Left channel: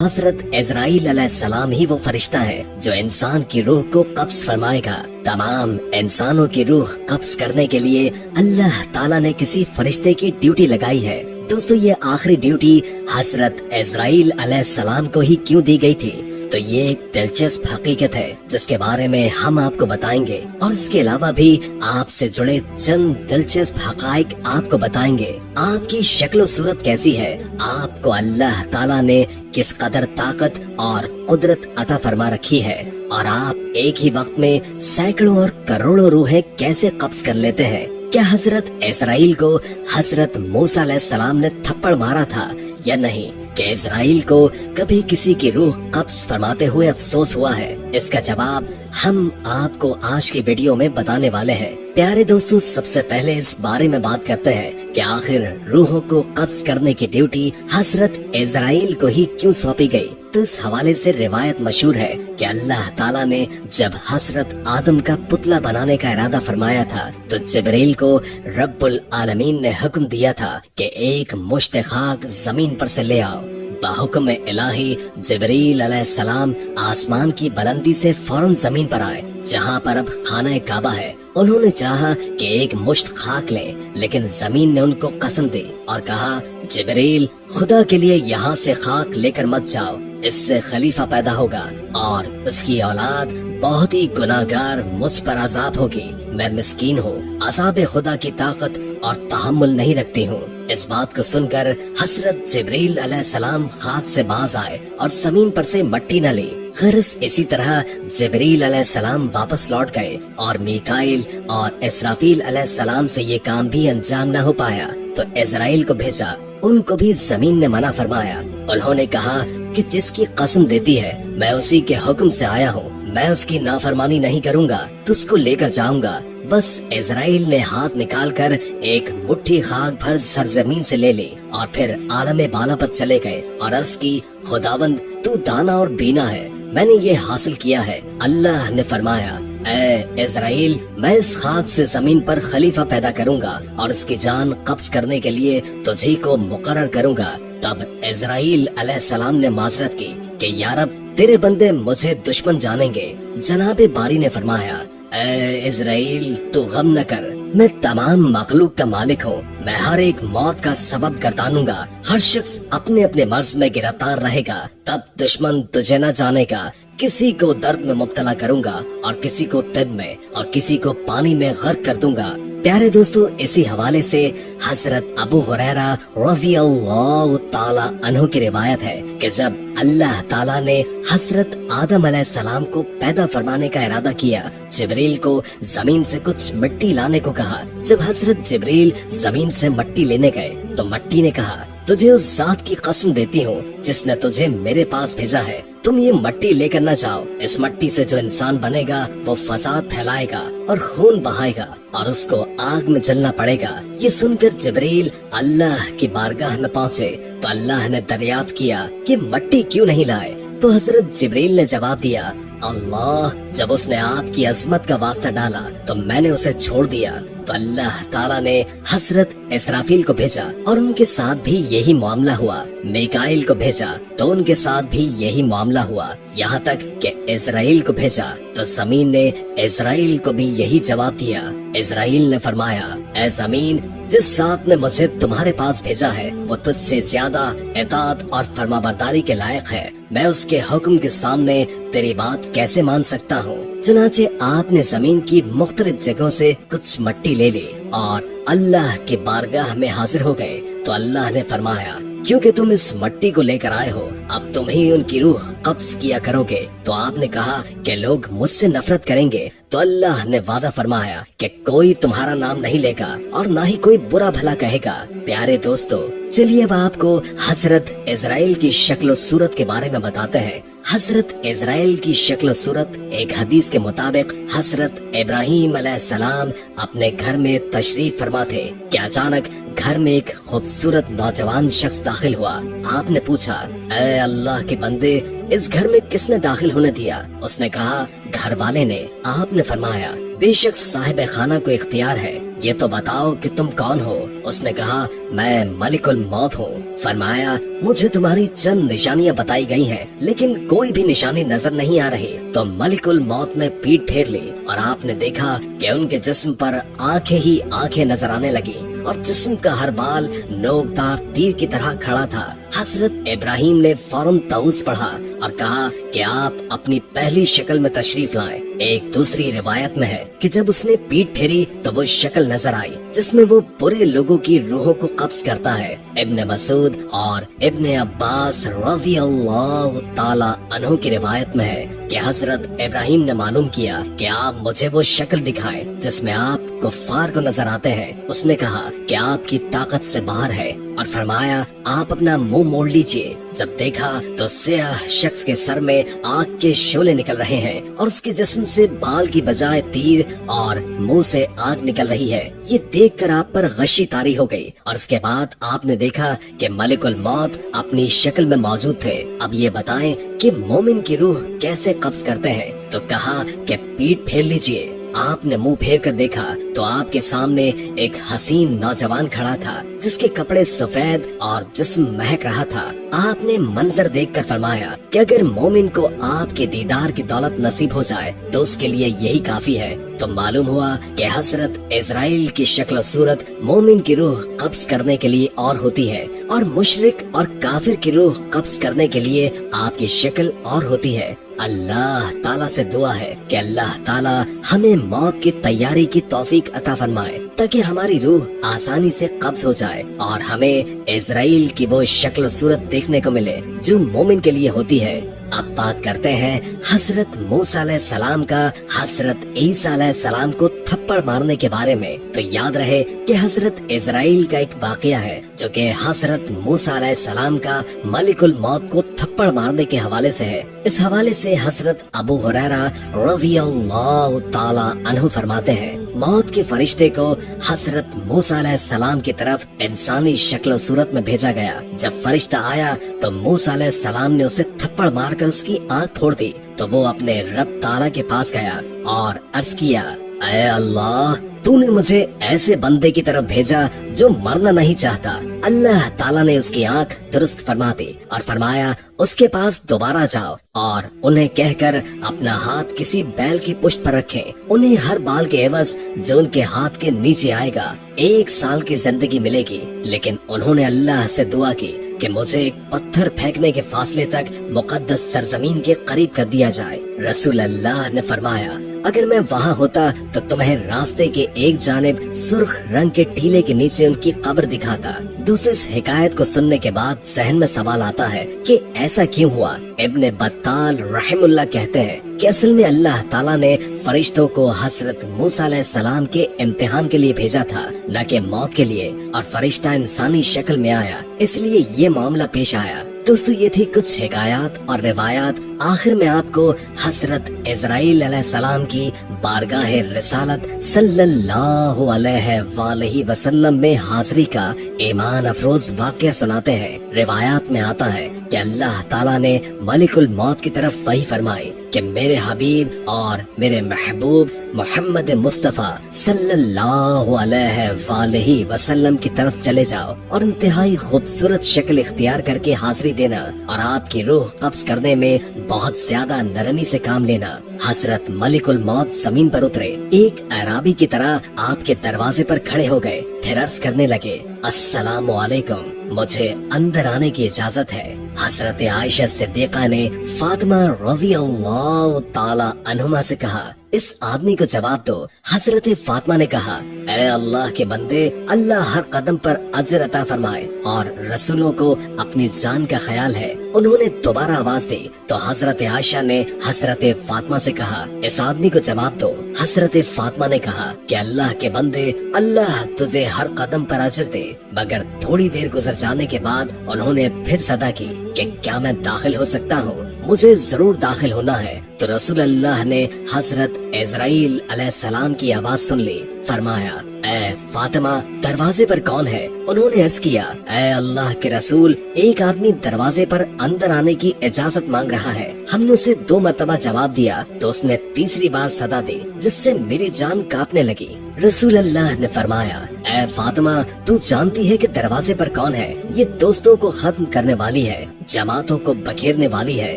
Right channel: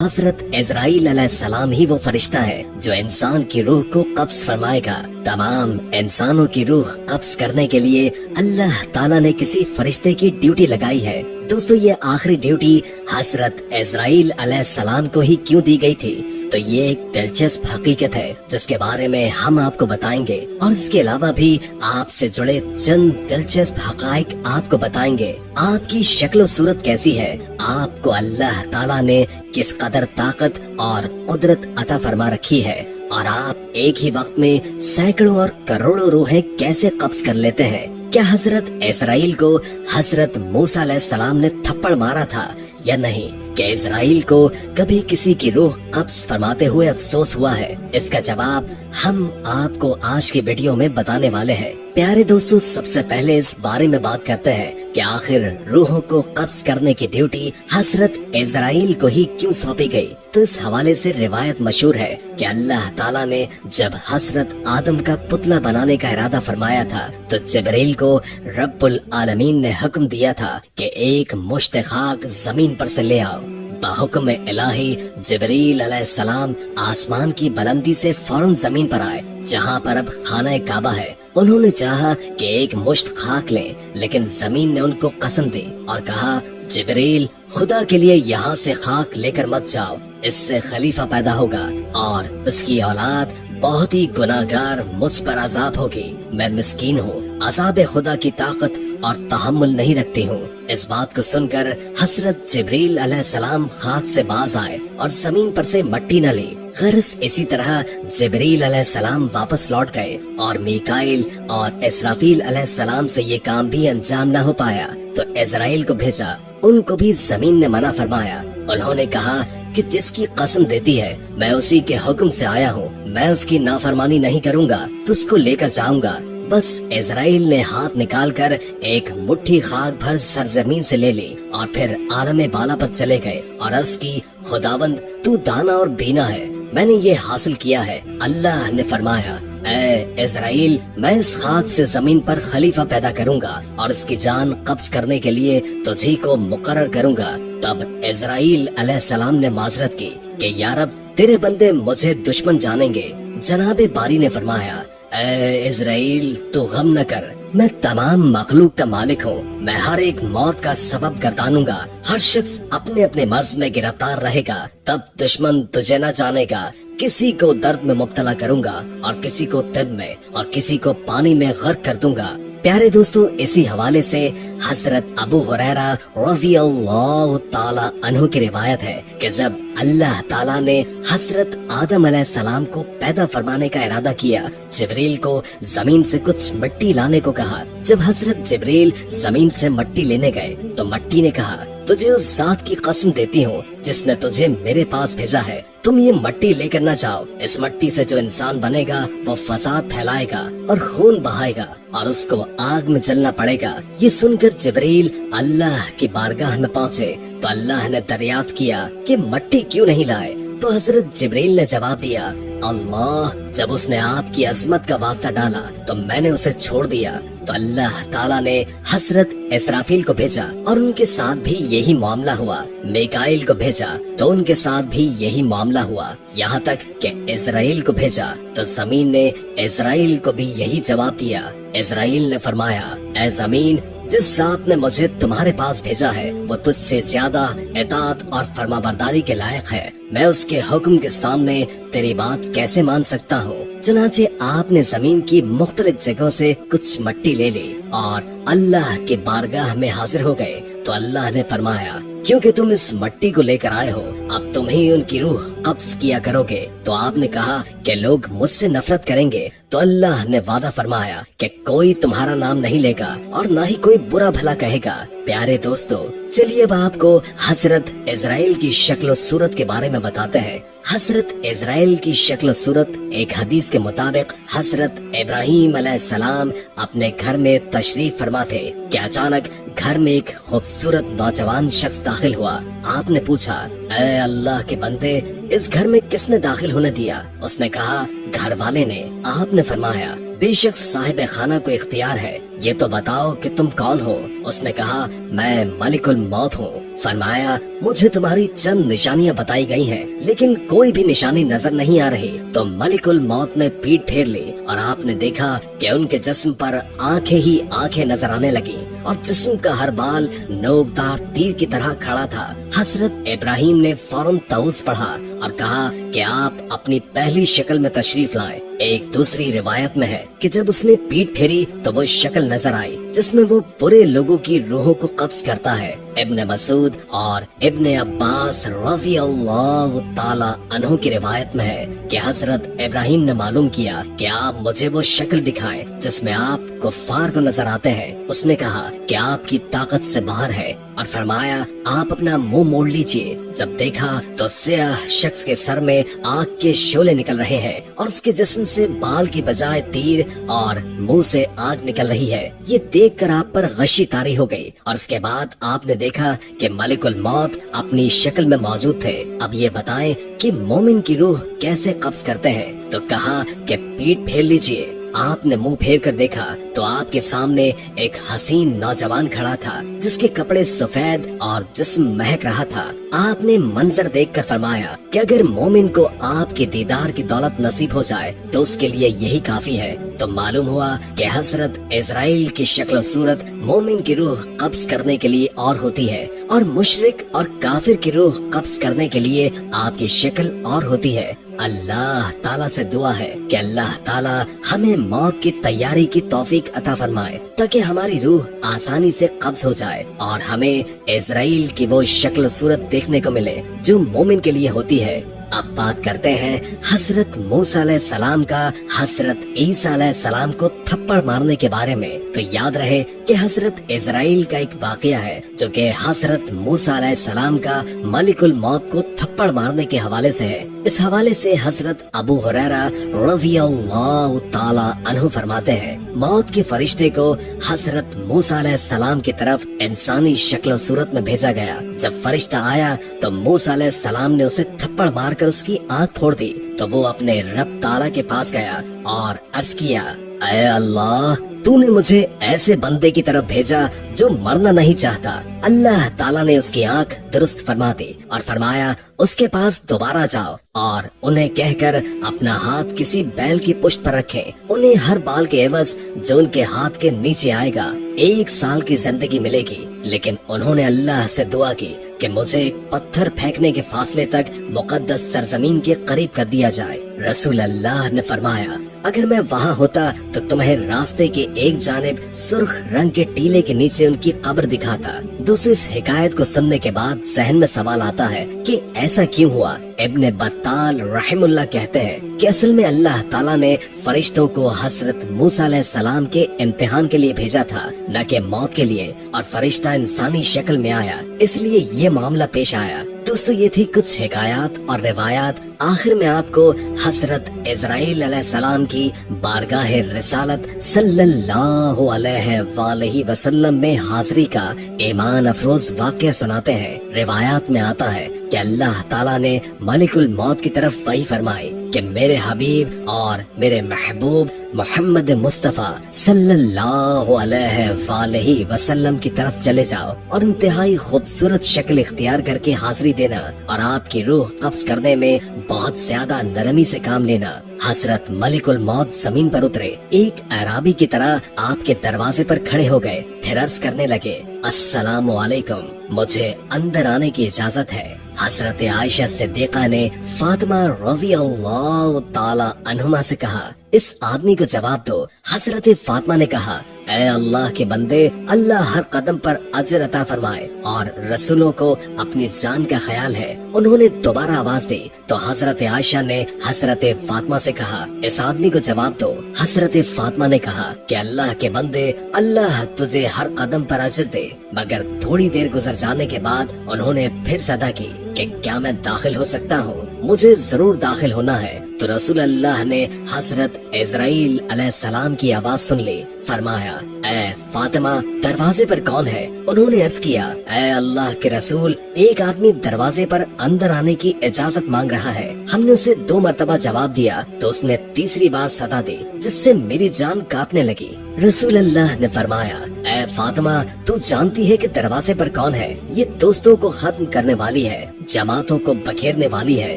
हजरत Israel अलैहिस्सलाम ही वो फरिश्ता है जो इंसान की रूह को कब्ज फरमाएगा। तमाम इंसानों की रूह कब्ज करने के लिए अल्लाह ताला ने किसी फरिश्ते की ड्यूटी लगाई है। दोस्तों, ये आखिरी ड्यूटी हजरत इजराइल अलैहिस्सलाम को ही क्यों दी गई थी? तो ये एक दिलचस्प हकीकत है जिसके बारे में हम आपको बताएंगे और इसके अलावा भी आपसे जुड़े चंद दिलचस्प हकाइक आपको बताएंगे। आपकी शक्ल सूरत कैसी है, आपको अल्लाह ताला ने किस कदर ताकत और कुदरत अता फरमा रखी है, और आप एक ही वक्त में सैकड़ों और करोड़ों रूहें कैसे कब्ज कर लेते हैं। क्या हजरत इस्राइल को हजरत मूसा अलैहिस्सलाम ने थप्पड़ मारा था या नहीं? क्या इस्राइल को कभी किसी की रूह कब्ज फरमाते हुए अफसोस हुआ है? इसका जवाब हम आपको आज की वीडियो में बताने वाले हैं। प्यारे दोस्तों, सबसे पहले इस बारे में बात करते हैं कि आखिर रूहों को कब्ज करने की ड्यूटी हजरत इस्राइल को ही क्यों सौंपी गई। तो इस हवाले से रिवायत मशहूर है कि अल्लाह ताला ने जब हजरत आदम का पुतला बनाने का इरादा फरमाया था तो जिब्रील को रब्बुल आलमीन ने हुक्म दिया था कि एक मुश्त खाक जमीन पर से ले आओ। बाहुक्म इलाही जिब्रील अलैहिस्सलाम आसमान की बुलंदी से फौरन जमीन पर आए जहाँ पर अब खाना काबा है। उन्होंने चाहा कि एक मुश्त खाक लें, लेकिन जमीन ने उनको कसम दी और कहा, जिब्रील, खुदा के लिए यहाँ से खाक लेकर मत जाओ, इससे खलीफा पैदा होगा और उसकी औलाद बहुत ही गुनाहगार मुझ पर अजाब होगी। मैं मिस्कीन हूँ, अज़ाब खुदा की ताकत और तहम्मुल नहीं रखती हूँ। इस बात को सुनकर हजरत जिब्रील अलैहिस्सलाम खाक से बाज आए और जमीन पर से मट्टी न ली। गरज इसी तरह जिब्रील अलैहिस्सलाम वापस लौट गए और मीकाइल और इसराफील अलैहिस्सलाम से ये काम भी अंजाम न हो पाया तो इजराइल को भेजा। उनको भी जमीन ने मना फरमाया। उन्होंने कहा कि जिसकी कसम देती है मैं उसी के हुक्म से आया हूँ, मैं उसकी नाफरमानी नहीं करूँगा, तुझको लेकर जाऊंगा। बस इजराइल ने हाथ निकालकर एक मुट्ठी खाक भर सरजमीन से ले ली और फिर आलम बाला पर चले गए और अर्ज की, खुदावंद तू दाना और बीना है, मैंने ये हासिल किया है। अल्लाह ने फरमाया, ए इजराइल, मैं इस खाक से जमीन पर खलीफा पैदा करूंगा और उसकी जान कब्ज करने के लिए तुझे को मुकर्रर करूंगा। तब इजराइल अलैहिस्सलाम ने माजरत की कि या रब, तेरे बंदे मुझे दुश्मन जानेंगे। जनाबे बारी ने फरमाया, ए इजराइल, तू गम न कर, मैं तमाम मखलूक का मालिक हूँ, मैं हर एक मौत का सबब गर्दानूंगा। हर शख्स अपने अपने मर्ज में गिरफ्तार रहेगा, तब दुश्मन तुझे न जानेगा। किसी को दर्द में मुब्तला करूंगा और किसी को तिब में और किसी को पानी में गर्क कर दूंगा। प्यारे दोस्तों, इसी हवाले से हजरत अबू हुरैरा रज़ियल्लाहु ताला अन्हु की रिवायत है कि जब अल्लाह ताला ने हजरत आदम अलैहिस्सलाम को पैदा फरमाने का इरादा किया, जिब्रील को जमीन से कुछ मिट्टी लाने को कहा। जब हजरत जिब्रील जमीन से मिट्टी लेने गए तो मिट्टी ने कहा, तुझे उस जात की कसम देती हूँ जिसने तुझे मेरे पास भेजा है, तुम ये मिट्टी लेकर न जाओ। इस मिट्टी से जो इंसान बनेगा वो फसाद फैलाएगा और खून बहाएगा और उसको आग में जलना पड़ेगा। ये सुनकर जिब्रील अल्लाह की बारगाह में पहुँचे तो अल्लाह ने दरियाफ्त किया कि मिट्टी क्यों नहीं लाए। तो हजरत जिब्रील ने जवाब दिया, अल्लाह, जब उसने आपकी अजमत का वास्ता डाला तो मैंने उसे छोड़ दिया। तो अल्लाह ताला ने हजरत इसराफील को भेजा और उनके साथ भी यही मामला हुआ। मीकाइल को भेजा तो उनके साथ भी यही मामला हुआ। यहाँ तक कि इजराइल को भेजा तो जमीन ने इजराइल को भी यही जवाब दिया। इजराइल ने फरमाया, ऐ जमीन, जिस जात ने मुझे तुम्हारे पास भेजा है वो तुझसे ज्यादा इताअत और फरमाबरदारी के लायक है। मैं उसके हुक्म के सामने तेरी बात कैसे मान सकता हूँ। चुनाचे आपने जमीन की मुख्तलिफ जगहों से कुछ मिट्टी ले ली और अल्लाह के बारगाह में हाजिर हो गए। तो अल्लाह ने फरमाया, क्योंकि तुम इस मिट्टी को लेकर आए हो, अब तुम ही उनकी रूह कब्ज किया करोगे। तो आपने कहा कि लोग मुझसे नफरत करेंगे। तो अल्लाह ने वादा फरमाया कि कोई तुम्हारा नाम नहीं लेगा और ना ही कोई बुरा भला कहेगा। प्यारे दोस्तों, चलिए अब आपको हजरत इजराइल की शक्ल सूरत के बारे में बताते हैं। हजरत इजराइल की शक्ल सूरत एक हदीस के मुताबिक हजरत इब्राहीम अलैहिस्सलाम अपने घर में तशरीफ फरमा थे कि अचानक घर में एक खूबसूरत नौजवान शख्स दाखिल हुआ। आपने पूछा, ऐ अल्लाह के बंदे, इस घर में किसने दाखिल होने दिया? उसने कहा, घर वाले ने आपने फरमाया, बेशक साहिब खाना को इख्तियार है, ये तो बताओ कि तुम कौन हो। उसने कहा, मैं मलिकुल मौत हूँ। फरमाया, मुझे तुम्हारी चंद निशानियाँ बताई गई हैं, लेकिन कोई भी निशानी नजर नहीं आ रही। तो मलिकुल मौत ने पीठ फेर ली और आपने देखा कि उनके जिस्म पर आंखें ही आंखें नजर आने लगी और जिस्म का हर बाल नोकदार तीर की तरह खड़ा था। हजरत इब्राहिम ने फौरन ताउज़ पढ़ा और कहा कि आप अपनी पहली शक्ल में तशरीफ लाएं। एक दूसरी रिवायत में है कि जब उसने पीठ फेरी तो वो शक्ल नजर आई जिसमें वो बुरे लोगों की रूहों को कब्ज करता है। इब्ने मसूद और इब्ने अब्बास रज़ी अल्लाह ताला अन्हु की रिवायत में है कि हजरत इब्राहिम ने मालूम किया कि आप मुझे वो शक्ल दिखाएं जिसमें आप कुफ्फार को नजर आते हैं। उसने कहा कि आपकी ताकत से बाहर है और फरमाया, आप अपना मुंह मोड़ लीजिए। जब देखा तो सियाह शख्स के सर में आग के शोले निकल रहे हैं और उसके जिस्म से बाल की बजाय तीर और मुंह से आग निकल रही है। ये देखकर आप पर गशी तारी हो गई और उसके बाद आपने देखा कि मलिकुल मौत अपनी शक्ल में मौजूद थे। अब ये बताएं कि मोमिन की रूह कैसे कब्ज करते हैं। तो कहा कि पीठ फेर लीजिए। आपने मुंह फेर कर देखा तो आपके सामने एक हसीन नौजवान खड़ा था जिसके कपड़े सफेद और जिस्म महक रहा था। आपने मंजर देखकर फरमाया कि अगर मोमिन को आपके दीदार की दौलत नसीब हो जाए तो उसके लिए यही काफी है। तो मालूम हुआ कि हजरत इजराइल की शक्ल सूरत मोमिन की रूह कब्ज करने के लिए और होती है और मुशरिक और काफिर की रूह कब्ज करने के लिए आपकी शक्ल और होती है। अल्लाह ताला से दुआ है कि अल्लाह ताला हमें मौत की तैयारी की तौफीक अता फरमाए ताकि हमारी रूह आसानी से कब्ज हो जाए और हमें इजराइल की वो शक्ल सूरत देखने को मिले जो मोमिन के लिए होती है। अब बात करते हैं हजरत मूसा अलैहिस्सलाम का हजरत ईसा अलैहिस्सलाम को थप्पड़ मारने के बारे में। तो याद रहे कि हजरत इजराइल का एक वाकया है जो कि हजरत मूसा अलैहिस्सलाम का मलिकुल मौत को थप्पड़ मारने के हवाले से है। इस हवाले से हजरत अबू हुरैरा रज़ियल्लाहु ताला अन्हु फरमाते हैं, मौत के फरिश्ते को हजरत मूसा अलैहिस्सलाम की तरफ इंसानी शक्ल सूरत में भेजा गया। जब फरिश्ता आया तो मूसा अलैहिस्सलाम ने उसे थप्पड़ मारकर उसकी आंख फोड़ दी। तो वो अपने रब ताला के पास गया और अर्ज किया, ऐ अल्लाह, तूने मुझे ऐसे बंदे की तरफ भेजा जो मरना नहीं चाहता। अल्लाह ताला ने उसकी आंख दुरुस्त फरमा दी और फरमाया, उसके पास दोबारा जाओ और उन्हें कहकर अपना हाथ किसी बैल की पुश्त पर रखें। उन्हें हर बाल के एवज जो उनके हाथ के नीचे आएगा 1 साल की जिंदगी मिलेगी। लेकिन उन्होंने अल्लाह से दुआ की कि मुझे एक पत्थर फेंकने के फासले तक मुकद्दस सरजमीन के करीब कर दिया जाए। रसूल अल्लाह ने फरमाया, अगर मैं वहाँ होता तो तुम्हें रास्ते के एक जानिब सुर्ख रंग के टीले के नीचे उनकी कब्र दिखाता। दूसरी इस हिकायत को सुनने के बाद जहन में सवाल आता है कि ऐसा क्यों हुआ। इब्ने बत्ताल रहमुल्लाह कहते हैं कि असल में अल्लाह ताला ने फरिश्तों को हजरत मूसा अलैहिस्सलाम के इम्तिहान के लिए भेजा था, न कि मौत के लिए, और फरिश्ता इंसानी शक्ल में आया, इसलिए ये मामला पेश आया। दोस्तों, ये थी कुछ हिकायत और रिवायात। आखिर में आपको हजरत इजराइल अलैहिस्सलाम की बारगाह रिसालत सल्लल्लाहु अलैहि वसल्लम में हाजिरी का ईमान अफरोज वाक़या सुनाते हैं। रिवायात में आता है कि अल्लाह ताला ने मलिकुल मौत की तरफ वही फरमाई कि मेरे हबीब और मेरे महबूब मोहम्मद मुस्तफा सल्लल्लाहु अलैहि वसल्लम की तरफ चले जाओ और इंतहाई खूबसूरत शक्ल इख्तियार करके हाजिरी देना और आपकी रूह कब्ज करने में बहुत ज्यादा नरमी से काम लेना। हजरत मलिकुल मौत जमीन पर उतरे, एक अराबी की तरह आपके दरवाजे पर खड़े हो गए, फिर अर्ज करने लगे, अस्सलामु अलैकुम, मुझे अंदर आने की इजाजत है। हजरत आयशा सिद्दीका ने फातिमा रज़ियल्लाहु ताला अन्हुमा से कहा, इस आदमी को जवाब दो। हजरत फातिमा ने कहा, ऐ अल्लाह के बंदे, अल्लाह हर कदम पर अजर अता फरमाए और रसूलों को अपनी जान का ख्याल है। उन्होंने दोबारा आवाज दी तो हजरत आयशा ने हजरत फातिमा से कहा, इस आदमी को जवाब दो। हजरत फातिमा ने कहा कि अल्लाह के बंदे, अल्लाह तुझे हर कदम पर अजर दे। मगर थोड़ी देर गुजर जाने के बाद उन्होंने फिर सदा की कि क्या मैं दाखिल हो सकता हूँ? मुझे जरूर दाखिल होना है। तो रसूल अल्लाह ने हजरत इजराइल अलैहिस्सलाम की आवाज सुन ली। फरमाया, اے فاطمہ दरवाजे पर कौन है? उन्होंने अर्ज किया, ऐ अल्लाह के रसूल, एक आदमी दरवाजे पर अंदर आने की इजाजत मांग रहा है। हमने उसे 2 मरतबा जवाब दिया तो उसने तीसरी बार सदा दी, जिससे मेरी जान कांपने लगी। रसूल अल्लाह ने फरमाया, ऐ फातिमा, तू जानती है कि दरवाजे पर कौन है? ये दोस्तों को खत्म करने वाली है, जमातों को बखेरने वाली है,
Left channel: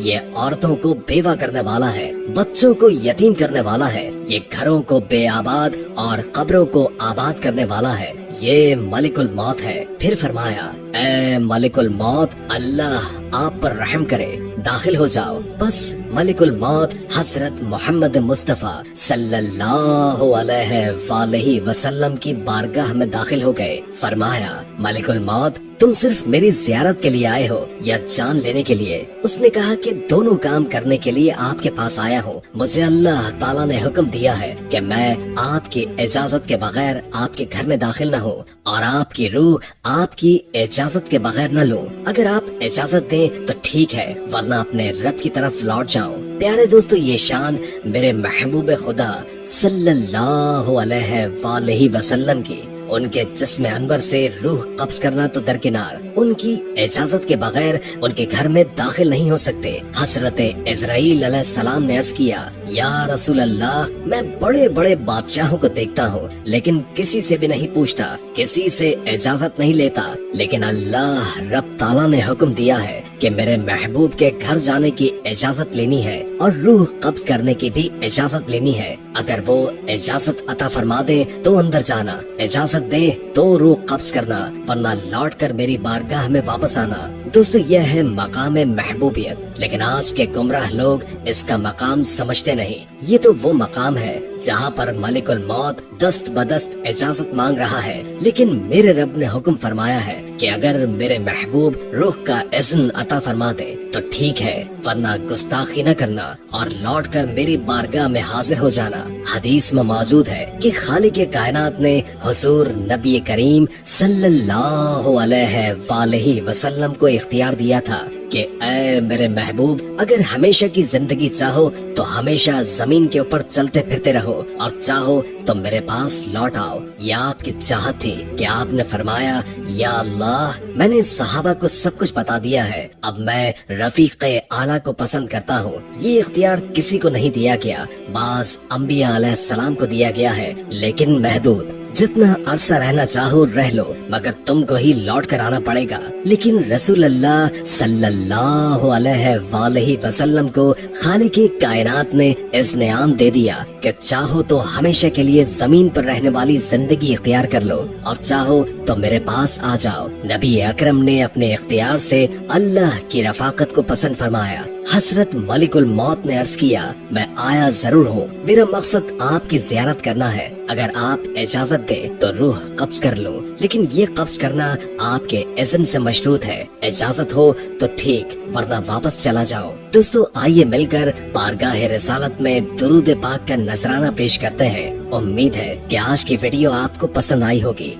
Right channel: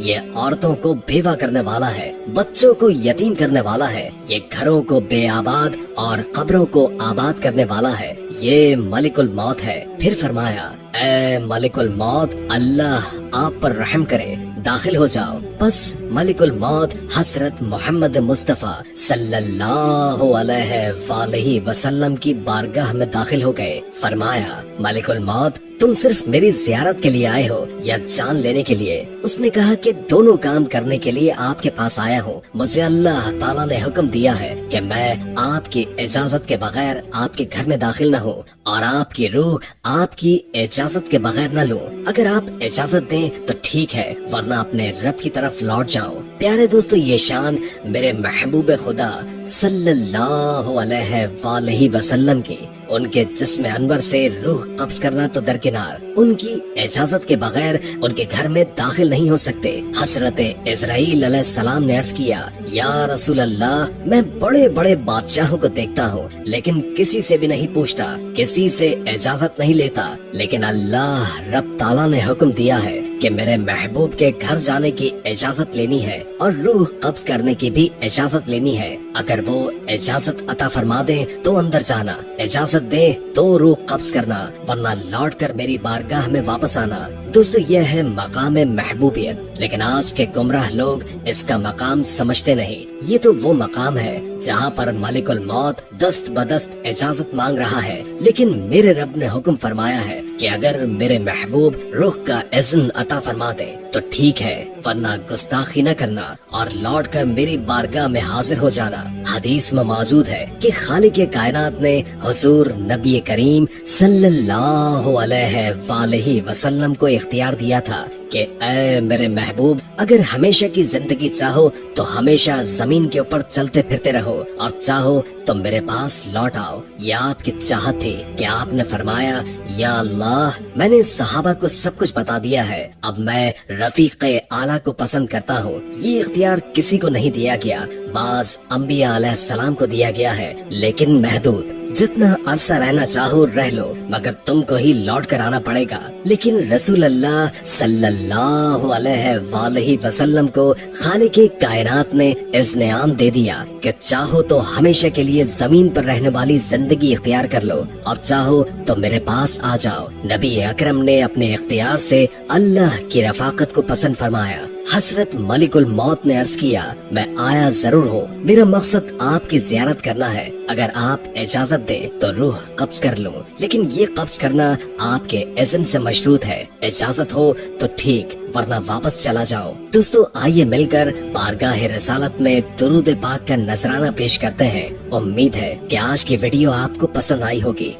ये औरतों को बेवा करने वाला है, बच्चों को यतीम करने वाला है, ये घरों को बेआबाद और कब्रों को आबाद करने वाला है, ये मलिकुल मौत है। फिर फरमाया, ऐ मलिकुल मौत, अल्लाह आप पर रहम करे, दाखिल हो जाओ। बस मलिकुल मौत हजरत मोहम्मद मुस्तफा सल्लल्लाहु अलैहि वसल्लम की बारगाह में दाखिल हो गए। फरमाया, मलिकुल मौत, तुम सिर्फ मेरी जियारत के लिए आए हो या जान लेने के लिए? उसने कहा कि दोनों काम करने के लिए आपके पास आया हूँ। मुझे अल्लाह ताला ने हुक्म दिया है कि मैं आपकी इजाजत के बगैर आपके घर में दाखिल न हूँ और आपकी रूह आपकी इजाजत के बगैर न लूं। अगर आप इजाजत दें तो ठीक है, वरना अपने रब की तरफ लौट जाओ। प्यारे दोस्तों, ये शान मेरे महबूब खुदा सल्लल्लाहु अलैहि वसल्लम की। उनके जिस्म अनवर से रूह कब्ज करना तो दरकिनार, उनकी इजाजत के बगैर उनके घर में दाखिल नहीं हो सकते। हजरत इजराइल अलैहिस्सलाम ने अर्ज किया, या रसूल अल्लाह, मैं बड़े बड़े बादशाहों को देखता हूँ लेकिन किसी से भी नहीं पूछता, किसी से इजाजत नहीं लेता, लेकिन अल्लाह रब ताला ने हुक्म दिया है कि मेरे महबूब के घर जाने की इजाजत लेनी है और रूह कब्ज करने की भी इजाजत लेनी है। अगर वो इजाजत अता फरमा दे तो अंदर जाना, इजाजत दे तो रूह कब्ज करना, वरना लौट कर मेरी बारगाह में वापस आना। दोस्तों, यह है मकाम महबूबियत, लेकिन आज के गुमराह लोग इसका मकाम समझते नहीं। ये तो वो मकाम है जहाँ पर मलिकुल मौत दस्त बदस्त इजाजत मांग रहा है, लेकिन मेरे रब ने हुक्म फरमाया है कि अगर मेरे महबूब रूह का इज़्न अता फरमा दे तो ठीक है, वरना गुस्ताखी न करना और लौट कर मेरी बारगाह में हाजिर हो जाना। हदीस में मौजूद है कि खालिक कायनात ने हुजूर नबी करीम सल्लल्लाहु अलैहि वसल्लम को इख्तियार दिया था कि ऐ मेरे महबूब, अगर हमेशा की जिंदगी चाहो तो हमेशा जमीन के ऊपर चलते फिरते रहो और चाहो तो मेरे पास लौट आओ। यह आपकी चाहत थी कि आपने फरमाया, या अल्लाह, मैंने सहाबा को सब कुछ बता दिया है, अब मैं रफीक आला को पसंद करता हूँ। ये इख्तियार किसी को नहीं दिया गया, बास अंबिया अलैहिस्सलाम को दिया गया है, लेकिन महदूद। जितना अरसा रहना चाहो रह लो, मगर तुमको ही लौट कर आना पड़ेगा। लेकिन रसूल अल्लाह सल्लल्लाहु अलैहि वसल्लम को खालिक कायनात ने इज़्न आम दे दिया कि चाहो तो हमेशा के लिए जमीन पर रहने वाली जिंदगी इख्तियार कर लो और चाहो तो मेरे पास आ जाओ। नबी अकरम ने अपने इख्तियार से अल्लाह की रफाकत को पसंद फरमाया। हजरत मलिकुल मौत ने अर्ज किया, मैं आया जरूर हूँ, मेरा मकसद आपकी जियारत करना है। अगर आप इजाजत दे तो रूह कब्ज कर लूं, लेकिन ये कब्ज करना आपके इज़्न से मशरूत है। इजाजत हो तो ठीक, वरना वापस चला जाओ। दोस्तों, आइए मिलकर बारगाह रिसालत में दुरूद पाक का नजराना पेश करते हैं। उम्मीद है कि आज की वीडियो आपको पसंद आई होगी।